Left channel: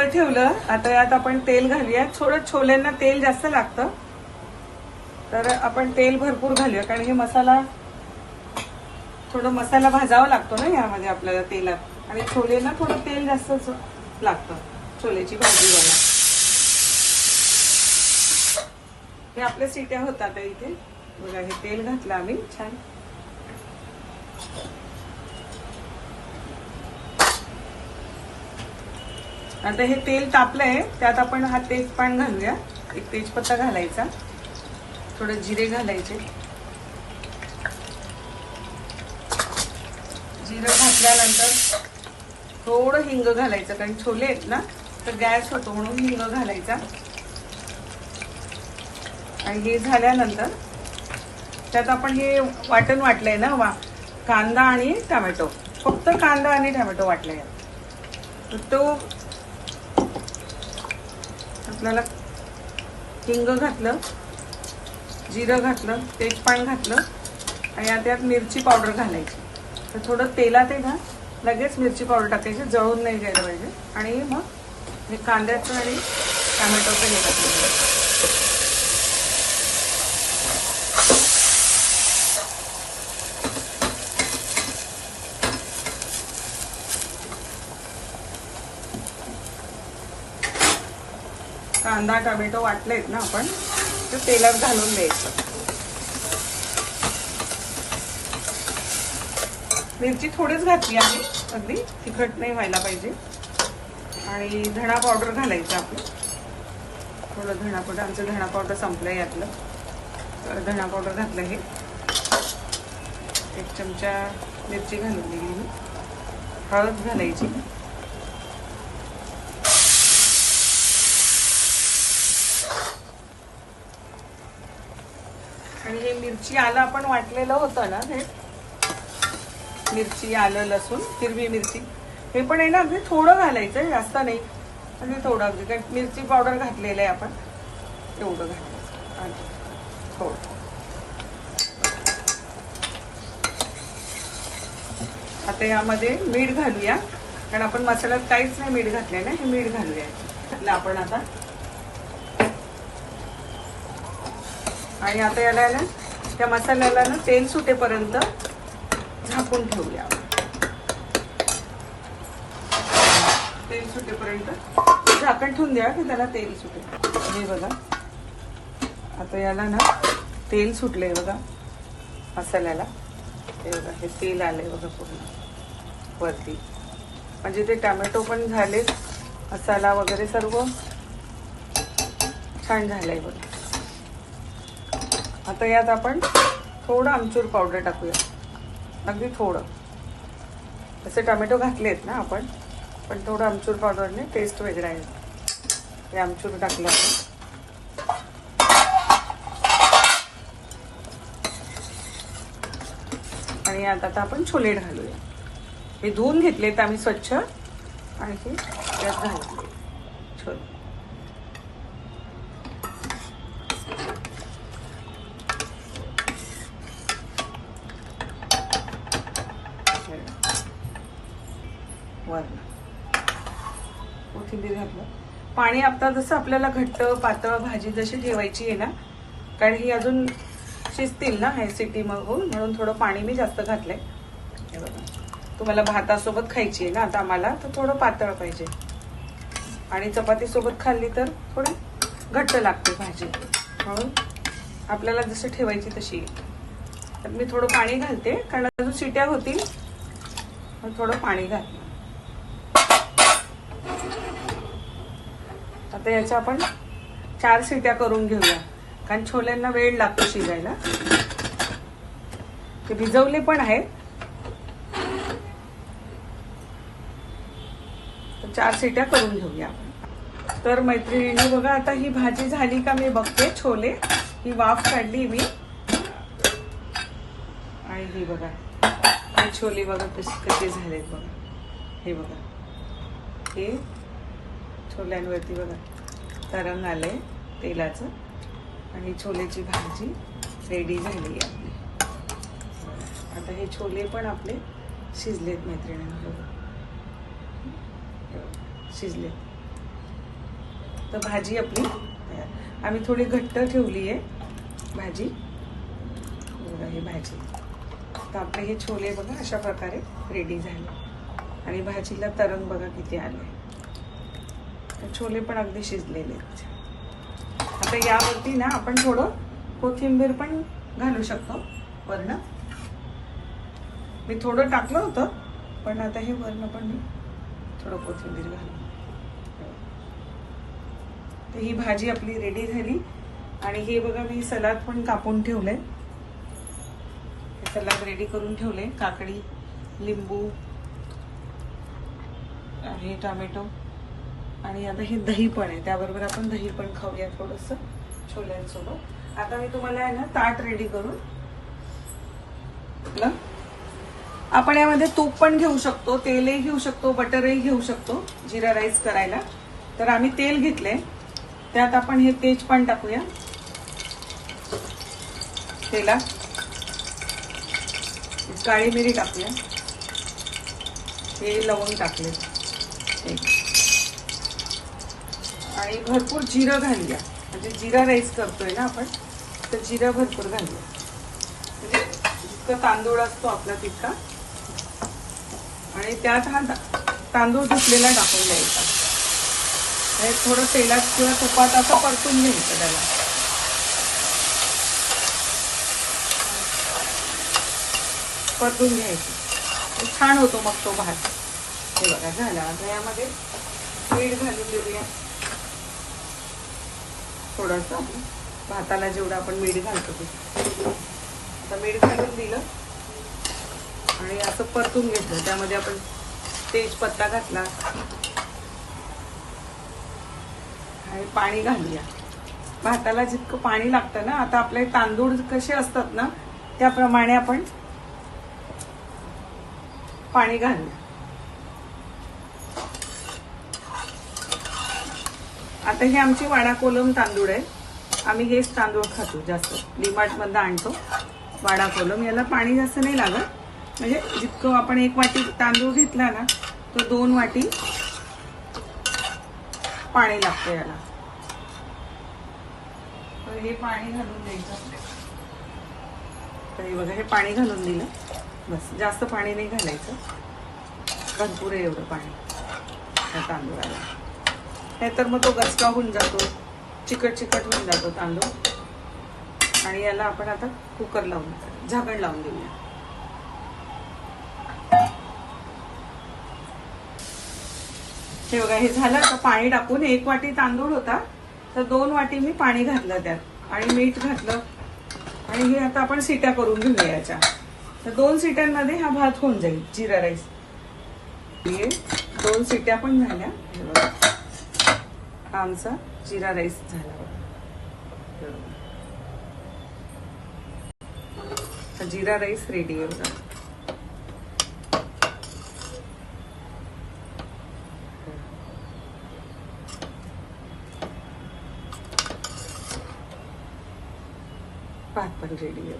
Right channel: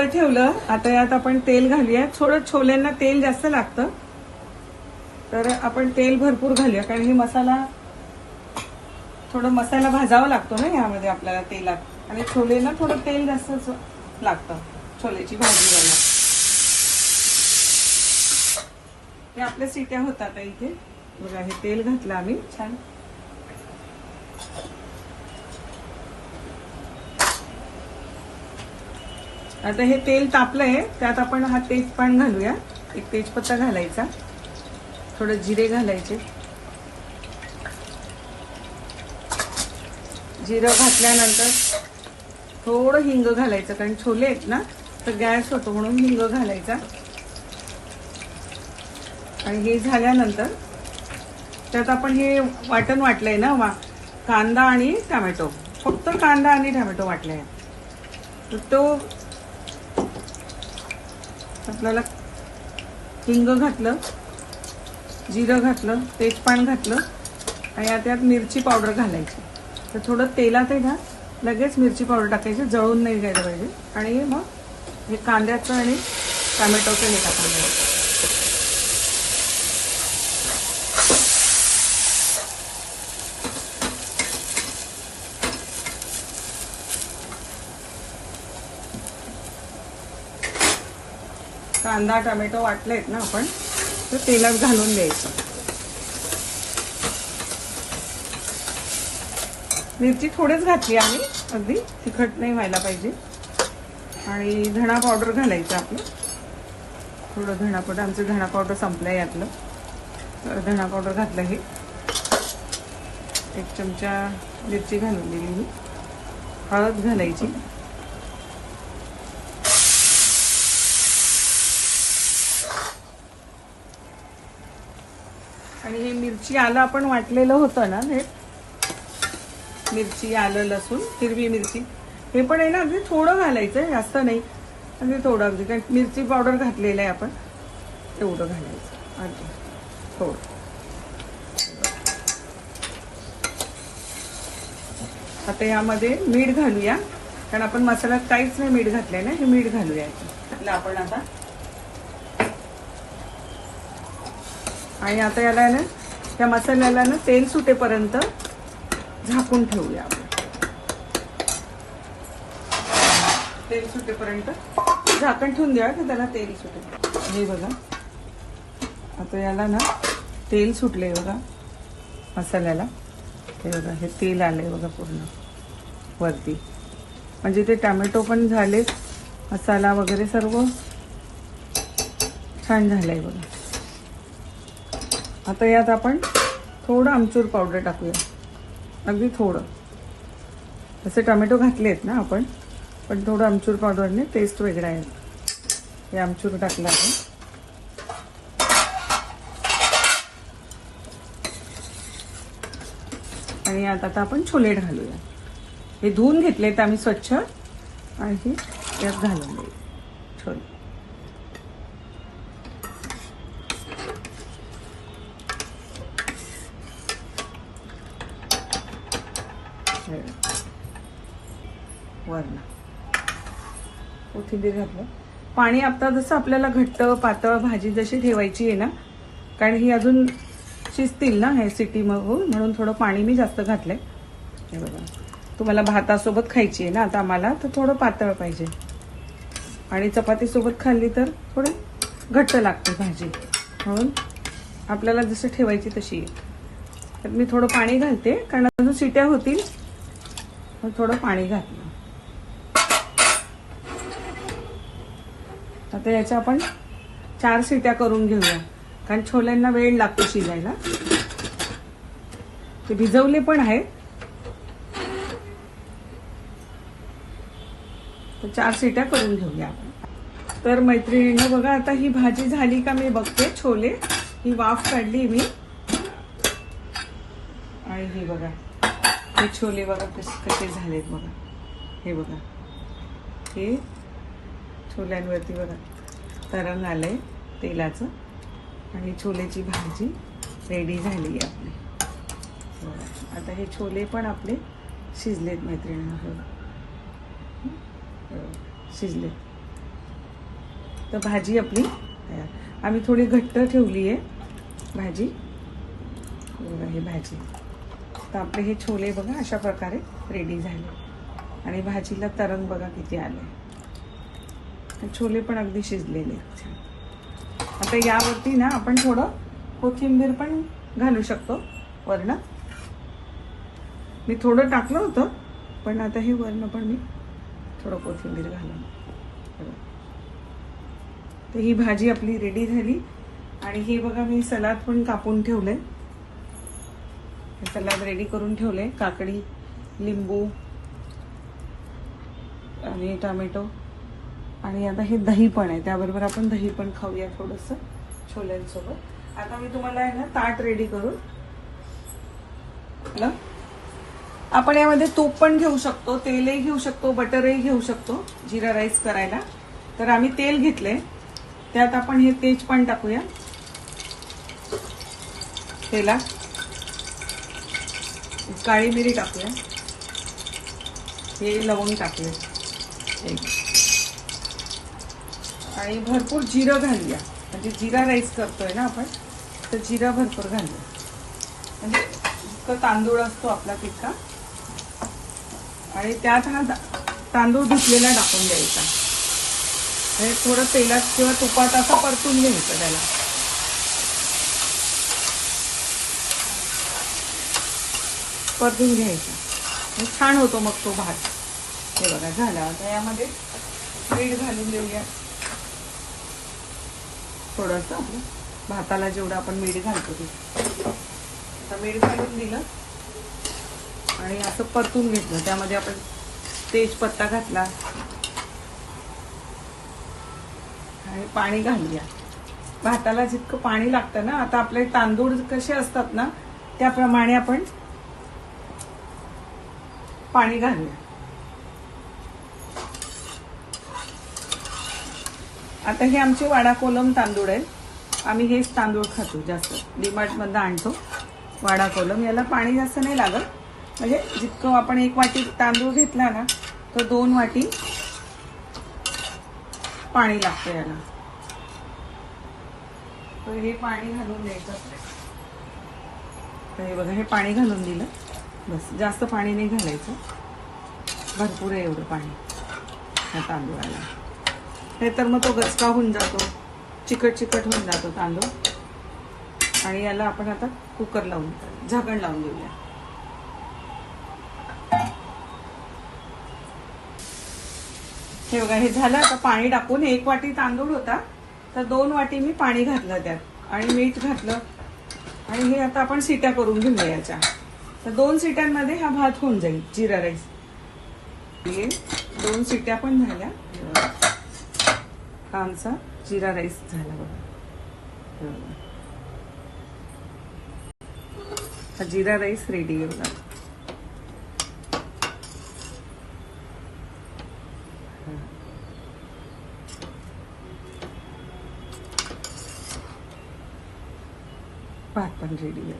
Cooker ठेवलं. आता यात आपण तेल घालूया. थोडं छोल्यांना तेल जास्त लागतं, तर आपण तेल भरपूर घालूया, कारण हे मसाला थोडं मसाला भाजावा लागतो ना यामध्ये आपल्याला तेलात, आणि छोलेला थोडं तेल जास्त लागतं छोलेची भाजी वगैरे. ते आपल्या सिट्या होतात इथे. बघा, हे तेल घातलं आम्ही छान. आता हे तेल तापलंय, त्यात आपण हा तेजपान घालूया. एक तेजपत्ता घालायचा, थोडं जिरे घालायचे. जिरं घातल्यानंतर थोडं हिंग घालायचं, कारण छोले आहेत ना तो गॅस होतो म्हणून हिंग घालायचा. आणि हे झाल्यानंतर त्यात आपण हे वाटण वाटलंय ना, कांदा आणि टोमॅटो, फक्त कांदा आणि टोमॅटो वाटलंय. तर तो आपल्याला हिंग घातलं, जिरं घातलं, तेजपान घातलं, आणि आता यात मिरची पावडर घालायची. तर थोडं तेलात आहे ना लगेच मिरची पावडर टाकायची, जळून नाही गेलं पाहिजे. आणि मग हे कांद्याचं आणि टोमॅटोचं हे टाकायचं. कांदा टोमॅटो वाटलेत ना आपण, तर तेलात घालून द्यायचं. मिरची थोडीच घातली आम्ही, अगदी तिखट नाही व्हायला पाहिजे. आणि धणा पावडर घालायचं आपलं, थोडं धणा पावडर. आमचं धणा पावडर संपलंय आपलं. धणा पावडर घातलं आहे. एक चमचा मिरची घालून दिली. हळद घालायची. आणि हे मिरची आलं आपण वाटलेलं होतं ना, हे मिरची आलं लसूण हिरवी मिरची हे पण आहे ना, अगदी थोडं घालायचं, जास्त नाही, म्हणजे थोडं अगदी, कारण मिरची पावडर घातलेलं आहे आपण, तेवढं घालायचं. हो, आता यामध्ये मीठ घालूया, कारण आपण मसाल्यात काहीच नाही मीठ घातले ना, हे मीठ घालूया आपण आता. आणि आता याला ना त्या मसाल्याला ना तेल सुटेपर्यंत झाकून ठेवूया. तेल सुटेपर्यंत झाकण ठेवून द्या, की त्याला तेल सुटेल. हे बघा, आता याला ना तेल सुटलंय बघा मसाल्याला. हे बघा, हे तेल आले बघा पूर्ण वरती, म्हणजे ते टोमॅटो पण झाले, मसाला वगैरे सर्व छान झाले बघा. आता यात आपण थोडं आमचूर पावडर टाकूया, अगदी थोडं. जसे टोमॅटो घातले आहेत ना आपण, पण थोडं आमचूर पावडरने टेस्ट वेगळं आहे. हे आमचूर टाकलं आपण. आणि आता आपण छोले घालूया. हे धुवून घेतले आहेत आम्ही स्वच्छ, आणि यात घालूया छोले. कोथिंबीर घातलं. पाणी आता जसं आपल्याला घट्ट पातळ भाजी जशी ठेवायची आहे ना, कारण ही अजून शिजतील ना हे सिटी म्हणून थोडं पाणी मी जास्त घातलंय. तुम्हाला भातासोबत खायची आहे ना आता आम्हाला, तर थोडं पातळ पाहिजे. आणि चपाती सोबत खाल्ली तर थोडं घट्ट लागते भाजी, म्हणून आपल्याला जशी ठेवायची तशी. तर मी थोडं पाणी घालते, कारण अजून सिट्या होतील, थोडं पाणी घालते. आता याच्या आपण 4 शिट्या करून घेऊया, कारण छोल्यांना वेळ लागतो शिजायला. ते भिजवले पण आहेत. 4 शिट्या करून घेऊया आपण. तर मैत्रिणींनी बघा, आता ही भाजी झाली का मी बघते. छोले ही वाफ काढली मी, आणि ही बघा हे छोले बघा कसे झालेत बघा. हे बघा, हे छोल्यांवरती बघा तरण आलंय तेलाचं, आणि छोलेची भाजी रेडी झाली आहे. आता हे छोले पण आपले शिजलेत मैत्रिणी, शिजले. तर भाजी आपली आम्ही थोडी घट्ट ठेवली आहे भाजी. ही भाजी तर आपले हे छोले बघा अशा प्रकारे रेडी झाले आणि भाजीला तरण बघा किती आले. छोले पण अगदी शिजलेले आहेत. आता यावरती ना आपण थोडं कोथिंबीर पण घालू शकतो वरण. मी थोडं टाकलं होतं पण आता हे वरण पण मी थोडं कोथिंबीर घालून. तर ही भाजी आपली रेडी झाली आणि हे बघा मी सलाद पण कापून ठेवले. सलाद रेडी करून ठेवले. काकडी, लिंबू आणि टोमॅटो आणि आता हे दही पण आहे. त्याबरोबर आपण दही पण खाऊया थोडंसं छोल्यांसोबत. आता मी तुम्हाला आहे ना ताट रेडी करून. आपण यामध्ये तूप पण घेऊ शकतो, तेलही घेऊ शकतो, बटरही घेऊ शकतो जिरा राईस करायला. तर आम्ही तेल घेतले. त्यात आपण हे तेज पण टाकूया तेलात. काळी मिरी टाकूया. हे लवंग टाकले आणि भरपूर जिरं घालूया. म्हणजे जिरा राईस करतोय ना आपण तर जिरा भरपूर घालूया. म्हणजे इतकं तांदूळ असतो आपला तितका. आणि त्यात हा तांदूळ धुतलेला टाकून द्यायचा. हे थोडं तेलात किंवा तुपात असं परतून घ्यायचं त्याला. परतून घ्यायचं छान होतो मग तो भात. हे बघा झाला. आता यामध्ये मीठ घालून देऊया थोडंसं. भाताला जेवढं आपण मीठ घालतो ते. आता मीठ घालून दिलं आणि असं परतून घेतलं. त्यामध्ये आपण तेजपत्ता घातला आणि पाणी घालूया. भाताला जितकं पाणी लागतं ना, आता आपले तांदूळ कसे असतात ना त्याप्रमाणे आपण पाणी घालूया. आता हे आमचे वाडा कोलम तांदूळ आहे. आम्ही हेच तांदूळ खातो जास्त. डीमार्ट मधून आणतो वाडा कोलम. याला पाणी जास्त नाही लागत. म्हणजे जितकं आपण 1 वाटी तांदूळ घेतला ना तर 2 वाटी पाणी लागतं याला. तर हे पाणी घालून द्यायचं. तर हे बघा हे पाणी घालून दिलं. बस जास्त पाणी नाही घालायचं. भरपूर आहे एवढं पाणी ह्या तांदूळाला. हे तर मग तो गचका होऊन जातो, चिकट चिकट होऊन जातो तांदूळ. आणि याला आपण आता कुकर लावून झाकण लावून देऊया. हे बघा हे झालं. आता पाणी टाकून 1 वाटी तांदूळ होता तर 2 वाटी मी पाणी घातलं त्यात आणि मीठ घातलं. आणि हे आता आपण शिट्या करून घेऊया याच्या. तर 2 शिट्यांमध्ये हा भात होऊन जाईल जिरा राईस. 2 शिट्या पण झाल्या. आमचा जिरा राईस झाला. जिरा राईस रेडी आहे. भात पण रेडी आहे.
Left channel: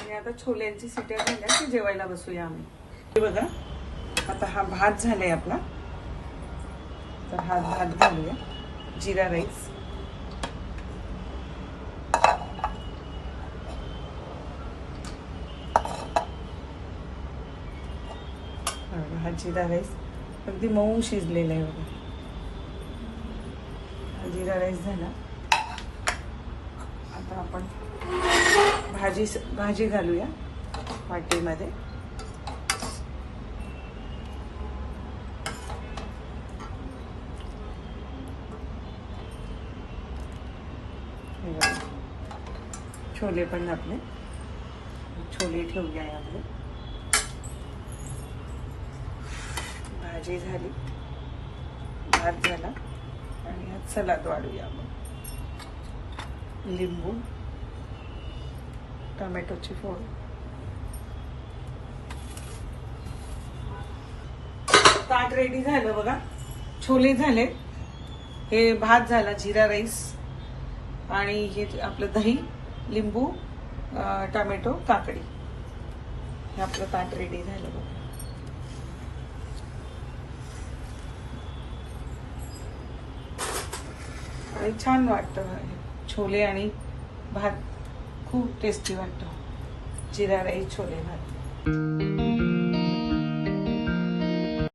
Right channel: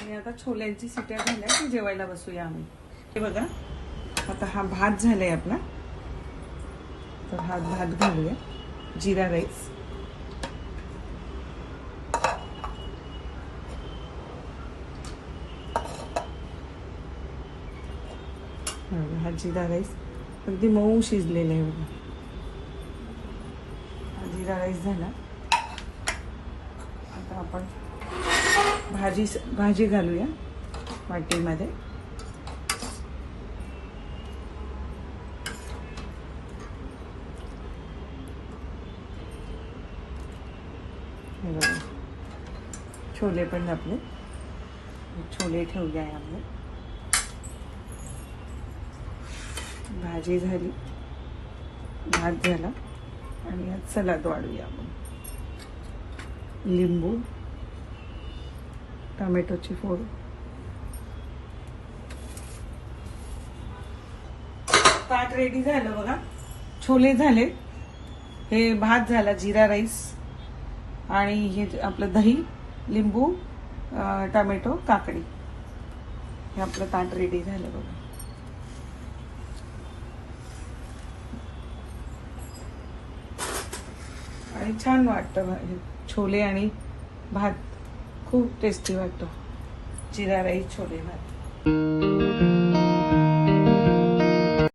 आणि आता छोल्यांची शिट्या झाल्या की जेवायला बसूया आम्ही. हे बघा आता हा भात झालाय आपला. तर हा भात घालूया जिरा राईस. हा जिरा राईस अगदी मऊ शिजलेला आहे बघा. जिरा राईस झाला. आता आपण भाजी घालूया वाटीमध्ये. छोले पण आपले छोले ठेवले आहे. आपले भाजी झाली, भात झाला आणि सलाद वाढूया. लिंबू, टोमॅटोची फोड. ताट रेडी झालं बघा. छोले झाले, हे भात झाला, जिरा राईस आणि हे आपलं दही, लिंबू, टोमॅटो, काकडी. हे आपलं ताट रेडी झालं बघा. आणि छान वाटतं छोले आणि भात खूप टेस्टी वाटतो जिरा राईस छोले भात.